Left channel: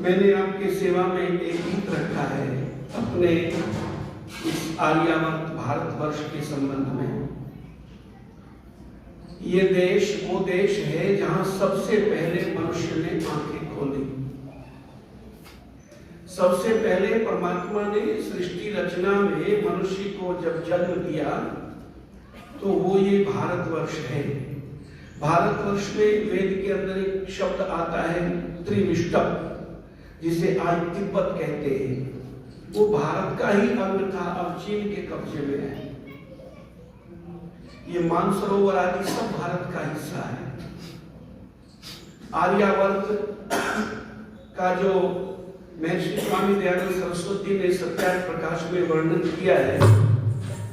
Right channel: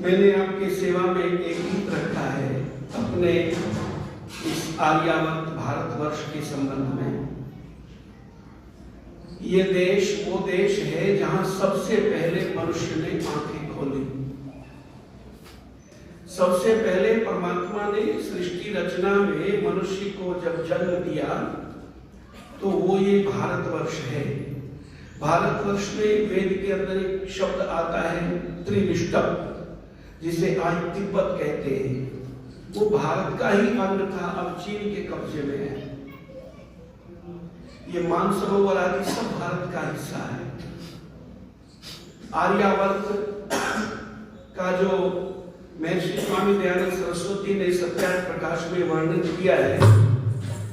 मैंने आपकी सेवा में एक गीत रखा है अपने इस आर्यावर्त भारतवर्ष के संबंध में। ये देश वो देश है जहां सबसे पहले मनुष्य ने आंखें खोली। सबसे पहले परमात्मा ने सृष्टि रचना में मनुष्य को जब जन्म दिया तो वो ये भारतवर्ष है। भारतवर्ष में वेद के अंदर एक शब्द आता है त्रिविष्टप, जिसे आज तिब्बत कहते हैं। वो भारत का ही अंग था, अब चीन के कब्जे में है। ये मानसरोवर आदि सब भारत का हिस्सा है। आर्यावर्त का जो महर्षि स्वामी दयानंद सरस्वती ने सत्यार्थ प्रकाश में वर्णन किया है,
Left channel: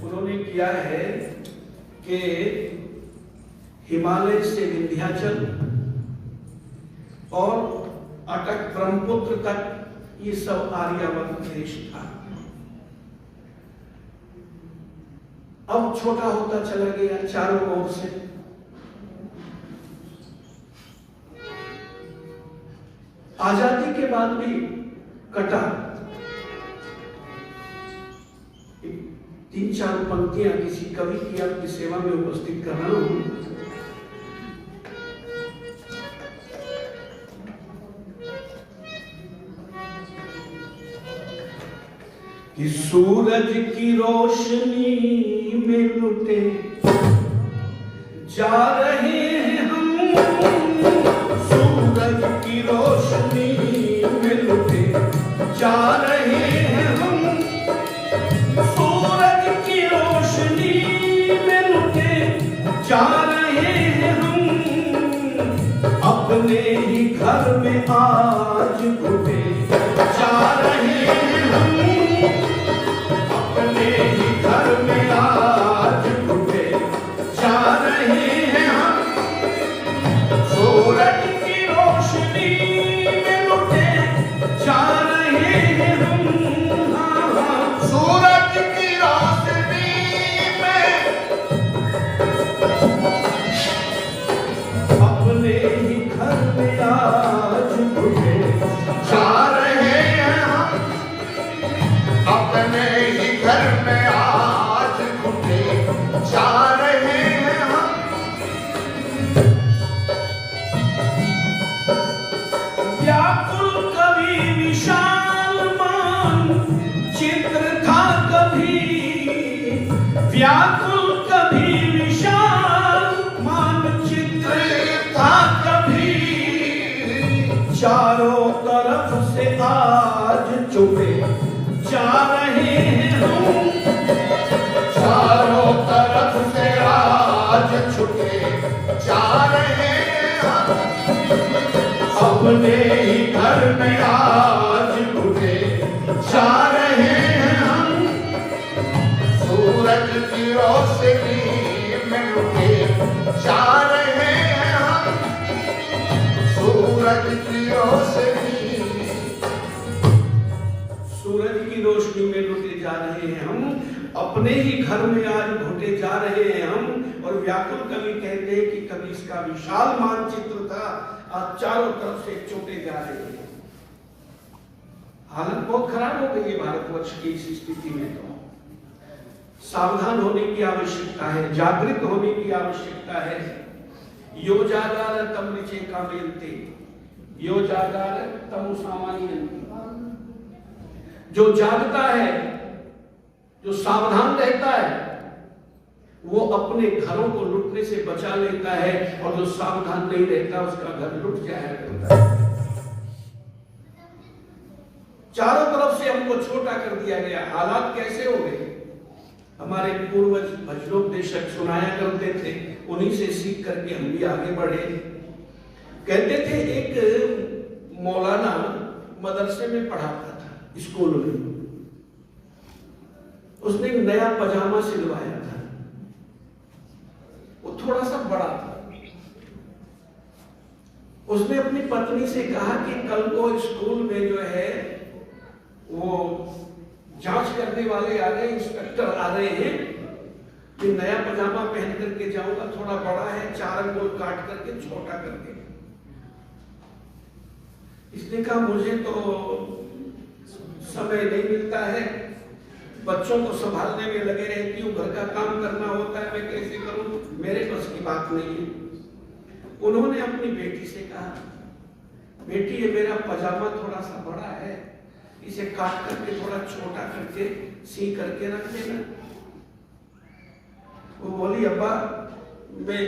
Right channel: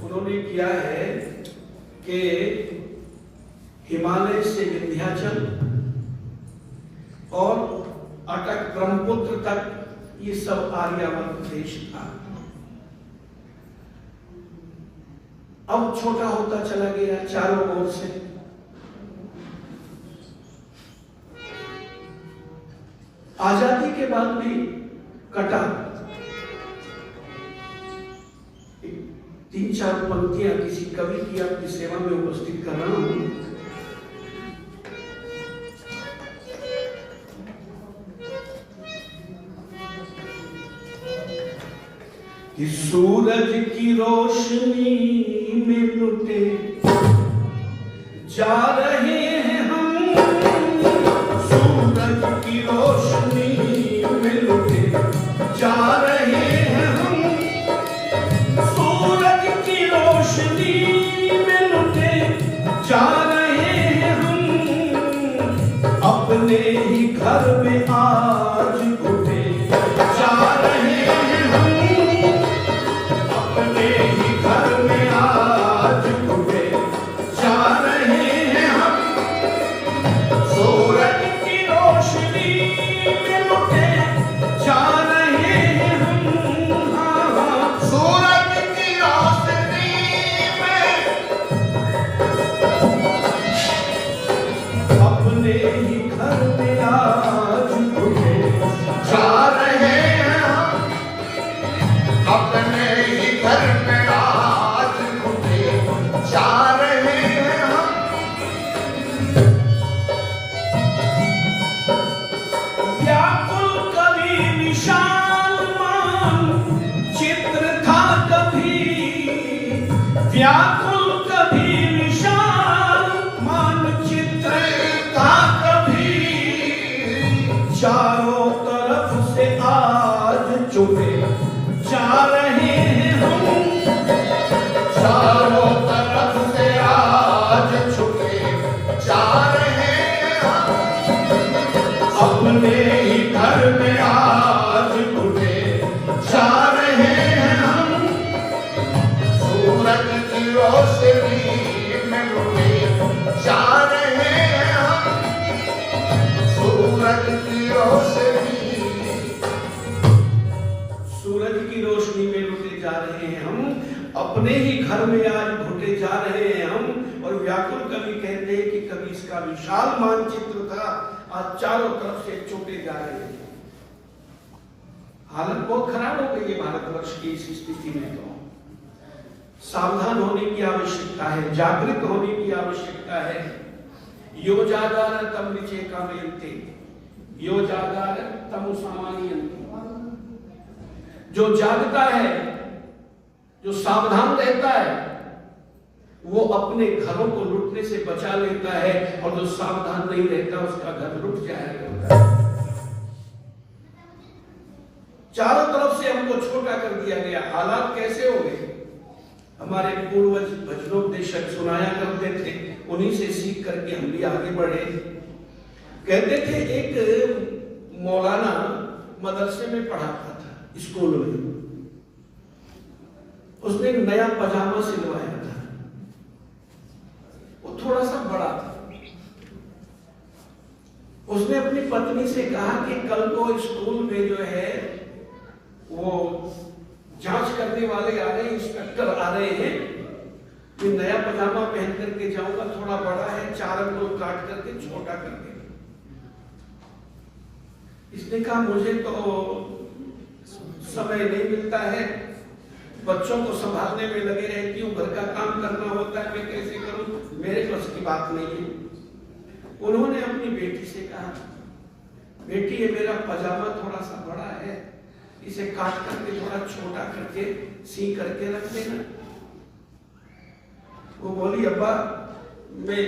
उन्होंने किया है कि हिमालय से विंध्याचल और अटक ब्रह्मपुत्र तक ये सब आर्यावर्त देश था। अब छोटा होता चला गया चारों ओर से। आजादी के बाद भी कटा। 3-4 पंक्तियां किसी कवि की आपकी सेवा में उपस्थित कर रहा हूं। कि सूरज की रोशनी में लुटे जा रहे हैं हम, सूरज की रोशनी में लुटे जा रहे हैं हम, सूरज की रोशनी में लुटे जा रहे हैं हम, अपने ही घर में आज घुटे जा रहे हैं हम, अपने ही घर में आज घुटे जा रहे हैं हम, सूरज की रोशनी में लुटे जा रहे हैं हम, सूरज की रोशनी में अपने ही घर में आज घुटे जा रहे हैं हम, अपने ही घर में आज घुटे जा रहे हैं हम। व्याकुल कवि विशाल मान चित्र था कभी, व्याकुल कवि विशाल मान चित्र था कभी, चारों तरफ से आज चुके जा रहे हैं हम, चारों तरफ से आज छुपे जा रहे हैं हम, अपने ही घर में आज घुटे जा रहे हैं हम, सूरज की रोशनी में लुटे जा रहे हैं हम, सूरज की रोशनी, सूरज की रोशनी में लुटे जा रहे हैं हम, अपने ही घर में आज घुटे जा रहे हैं हम। और व्याकुल कवि कहते हैं कि कभी इसका विशाल मानचित्र था, आज चारों तरफ से छूटे जा रहे हैं। हालत बहुत खराब हो गई है भारतवर्ष की इस स्थिति में। तो सावधान होने की आवश्यकता है, जागृत होने की आवश्यकता है। यो जागार तम ऋचे कामयन्ते, यो जागार तम सामान्यन्ते। जो जागता है, जो सावधान रहता है, वो अपने घरों को लूटने से बचा लेता है, और जो सावधान नहीं रहता उसका घर लूट जाया करता है। चारों तरफ से हमको छोटा कर दिया गया। हालात कैसे हो गए? हमारे पूर्वज भजनोपदेशक सुनाया करते थे, उन्हीं से सीख करके हम भी आगे बढ़े। कहते थे एक मौलाना मदरसे में पढ़ाता था, स्कूल में। उसने एक नया पजामा सिलवाया था, वो थोड़ा सा बड़ा था। उसने अपनी पत्नी से कहा कि कल को स्कूल में जो है वो जांच करने वाले आ रहे हैं, इंस्पेक्टर आ रहे हैं, कि नया पजामा पहन करके जाऊंगा, थोड़ा बड़ा है, 4 अंगुल काट करके छोटा करके। इसने कहा मुझे तो समय नहीं मिलता है, बच्चों को संभालने में लगे रहती हूँ, घर का काम करना होता है, मैं कैसे करूं, मेरे बस की बात नहीं है। उन्होंने अपनी बेटी से कहा, बेटी ये मेरा पजामा थोड़ा सा बड़ा है, इसे काट करके थोड़ा छोटा करके सी करके रख देना। वो बोली अब्बा मैं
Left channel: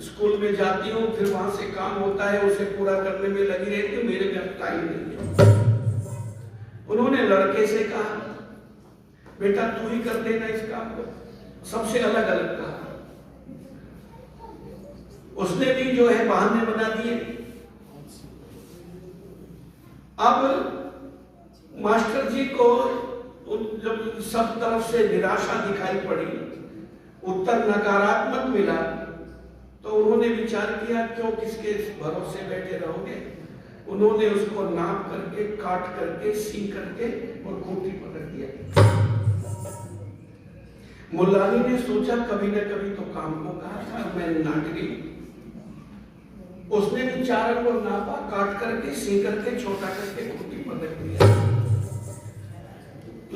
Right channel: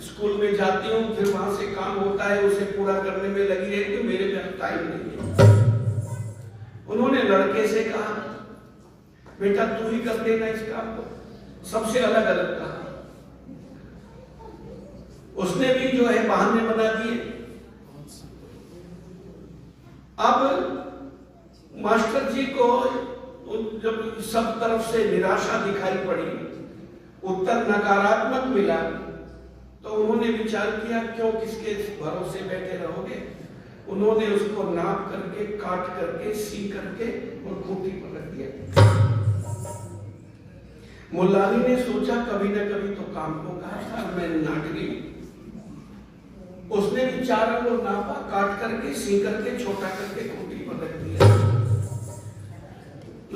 स्कूल में जाती हूँ, फिर वहां से काम होता है, उसे पूरा करने में लगी रहती हूँ, मेरे पास टाइम नहीं है। उन्होंने लड़के से कहा बेटा तू ही कर देना इस काम को, सबसे अलग अलग कहा। उसने भी जो है बहाने बना दिए। अब मास्टर जी को जब सब तरफ से निराशा दिखाई पड़ी, उत्तर नकारात्मक मिला, तो उन्होंने विचार किया क्यों किसके भरोसे बैठे रहोगे। उन्होंने उसको नाप करके काट करके सी करके और खूंटी पर रख दिया। मुल्लानी ने सोचा कभी न कभी तो काम को कहा था, मैं नाटकी। उसने भी 4 अंगुल नापा, काट करके सी करके छोटा करके खूंटी पर रख दिया।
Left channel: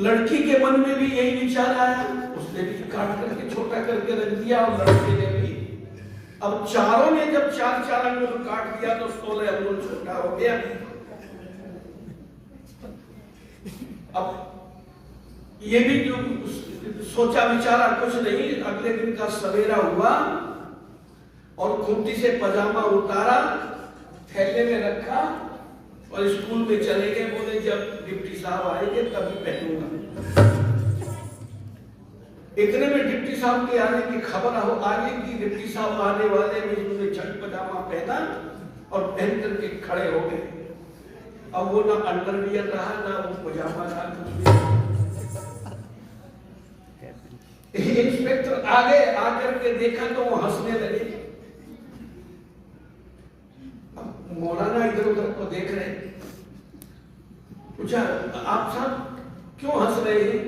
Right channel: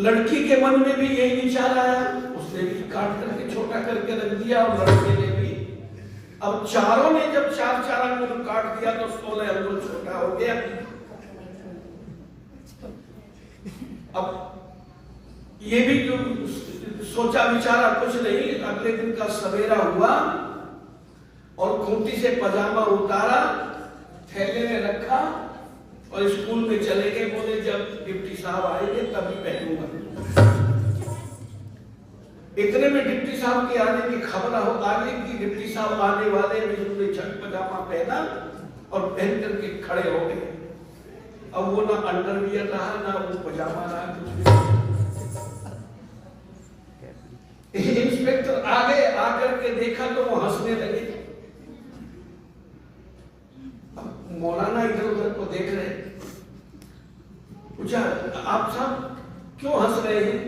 लड़की के मन में भी यही विचार आया, उसने भी काट करके छोटा करके रख दिया और लड़के ने भी। अब चारों ने जब 4-4 अंगुल काट दिया तो 16 अंगुल छोटा हो गया। अब ये भी जो सोचा विचारा कुछ नहीं, अगले दिन का सवेरा हुआ और खूंटी से पजामा उतारा, थैले में रखा और स्कूल में चले गए। बोले जब डिप्टी साहब आएंगे तभी पहनूंगा। इतने में डिप्टी साहब के आने की खबर हो आगे की डिप्टी साहब आने वाले में उन्होंने छठ पजामा पहना और पहन करके खड़े हो गए। अब वो ना अंडरवियर रहा, ना वो पजामा रहा, कुछ भी। इंस्पेक्टर आगे आकर के देखा तो वो हंसने लगे। अब मौलाना इधर उधर को देख रहे, पूछा आप साहब क्यों हंस रहे हैं?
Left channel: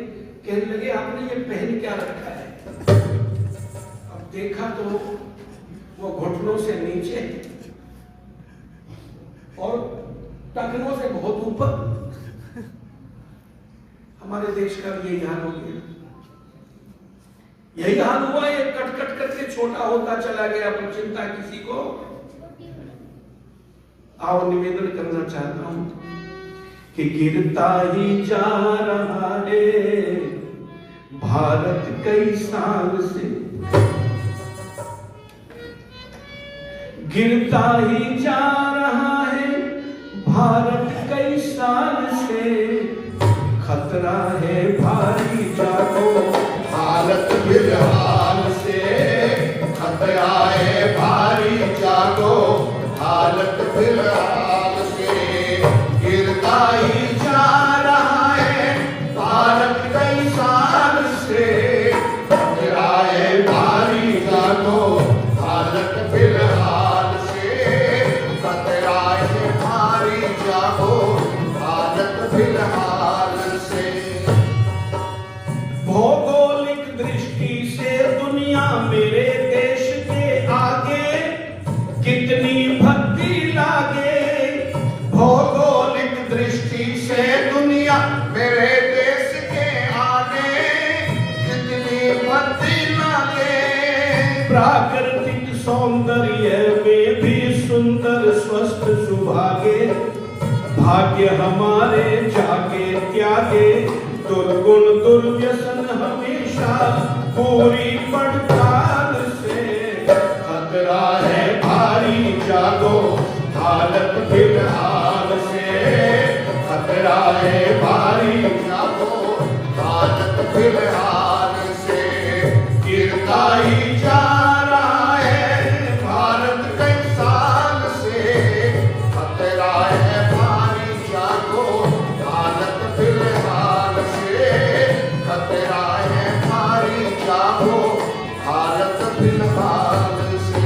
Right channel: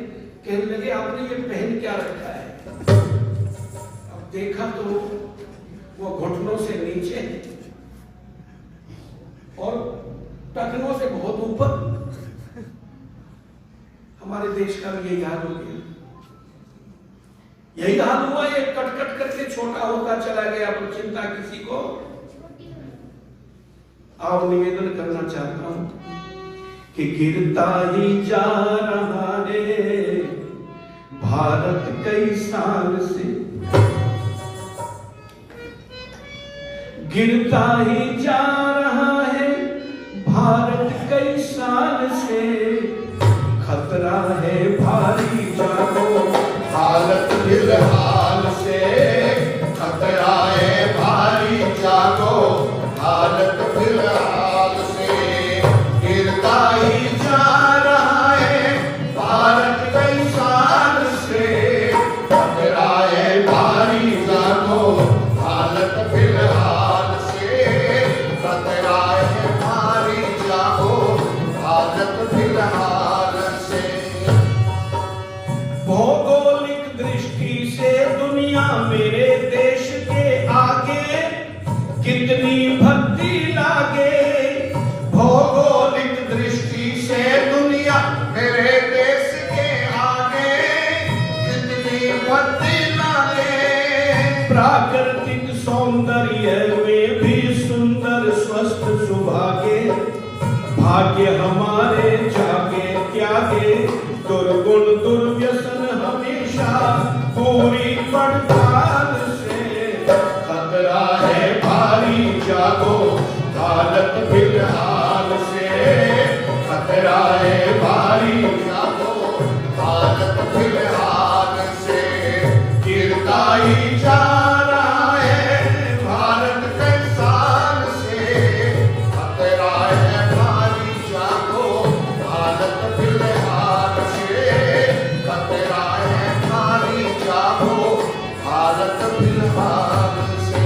कहने लगे आपने ये पहन क्या रखा है? अब देखा तो वो घुटनों से नीचे और टखनों से बहुत ऊपर। हमारे देश का भी यही हाल हो गया। यही हाल हुआ, ये कट कट करके छोटा होता चला गया, पर चिंता किसी को। आओ निवेदन करना चाहता हूं कि गिरता ही जा रहा है भारत कई साल से, गिरता ही जा रहा है भारत कई साल से, खतरा है भारी जानो भारत फिलहाल से, खतरा है भारी जानो भारत फिलहाल से, गिरता ही जा रहा है भारत कई साल से, खतरा है भारी जानो भारत फिलहाल से, खतरा है भारी जानो भारत फिलहाल से। भौगोलिक दृष्टि से दुनिया मेरे देश के आगे कितनी भद्दी लागे, भौगोलिक दृष्टि से दुनिया मेरे देश के आगे कितनी भद्दी लागे, प्राकृतिक सौंदर्य में भी सुंदर स्वस्थ सुभागे, भाग्य हमारे जागे त्यागे दुर्गुण दुर्व्यसन हमेशा पूरी पड़ताल से, खतरा है भारी जागो भारत फिलहाल से, खतरा है भारी जागो भारत फिलहाल से, गिरता ही जा रहा है भारत कई साल से, खतरा है भारी जागो भारत फिलहाल से, खतरा है भारी जागो भारत फिलहाल से।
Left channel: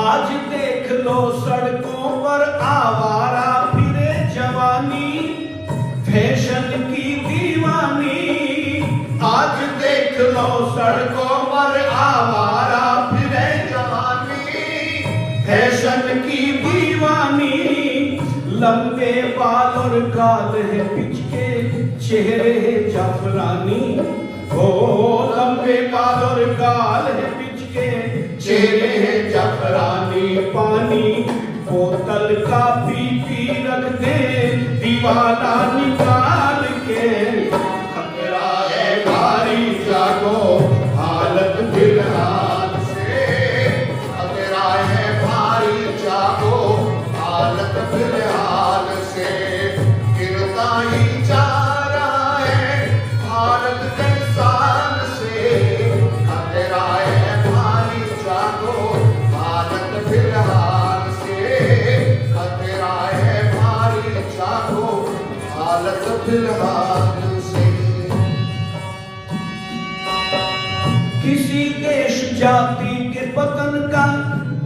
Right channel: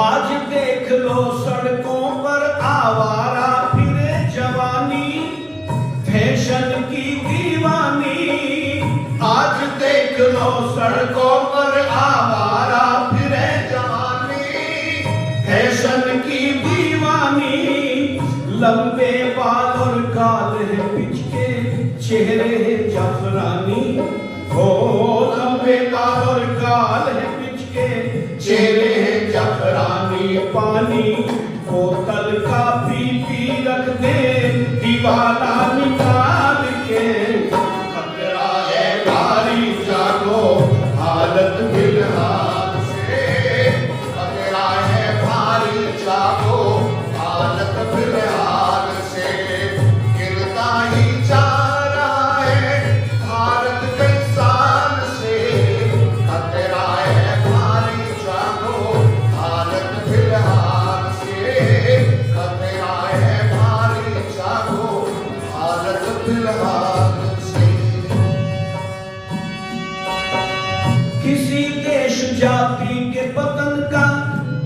आज देख लो सड़कों पर आवारा फिरे जवानी, फैशन की दीवानी, आज देख लो सड़कों पर आवारा फिरे जवानी, फैशन की दीवानी,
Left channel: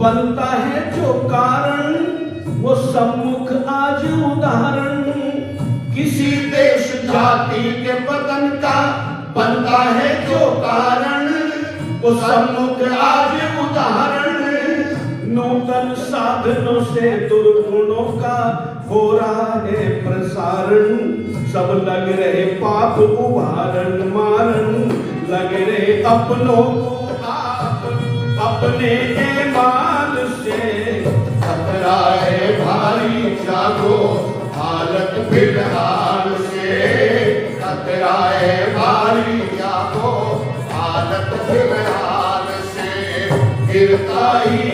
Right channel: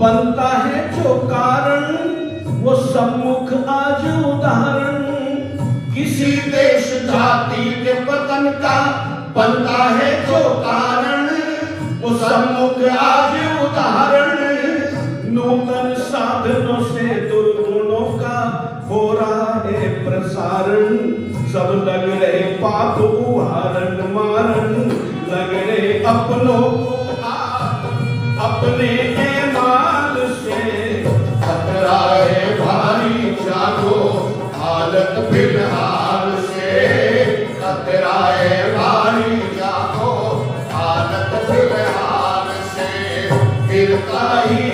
बनता है जो कारण वो सम्मुख आज उदाहरण। किसी देश जाति के पतन का बनता है जो कारण वो सम्मुख आज उदाहरण। नूतन साधनों से दुर्गुणों का हो रहा है प्रसारण। सब लग रहे पाप उहारण मारन, लग रहे अपनों को आप अपने ईमान से। खतरा है भारी जागो हालत फिलहाल से। खतरा है भारी जागो हालत फिलहाल से। गिरता ही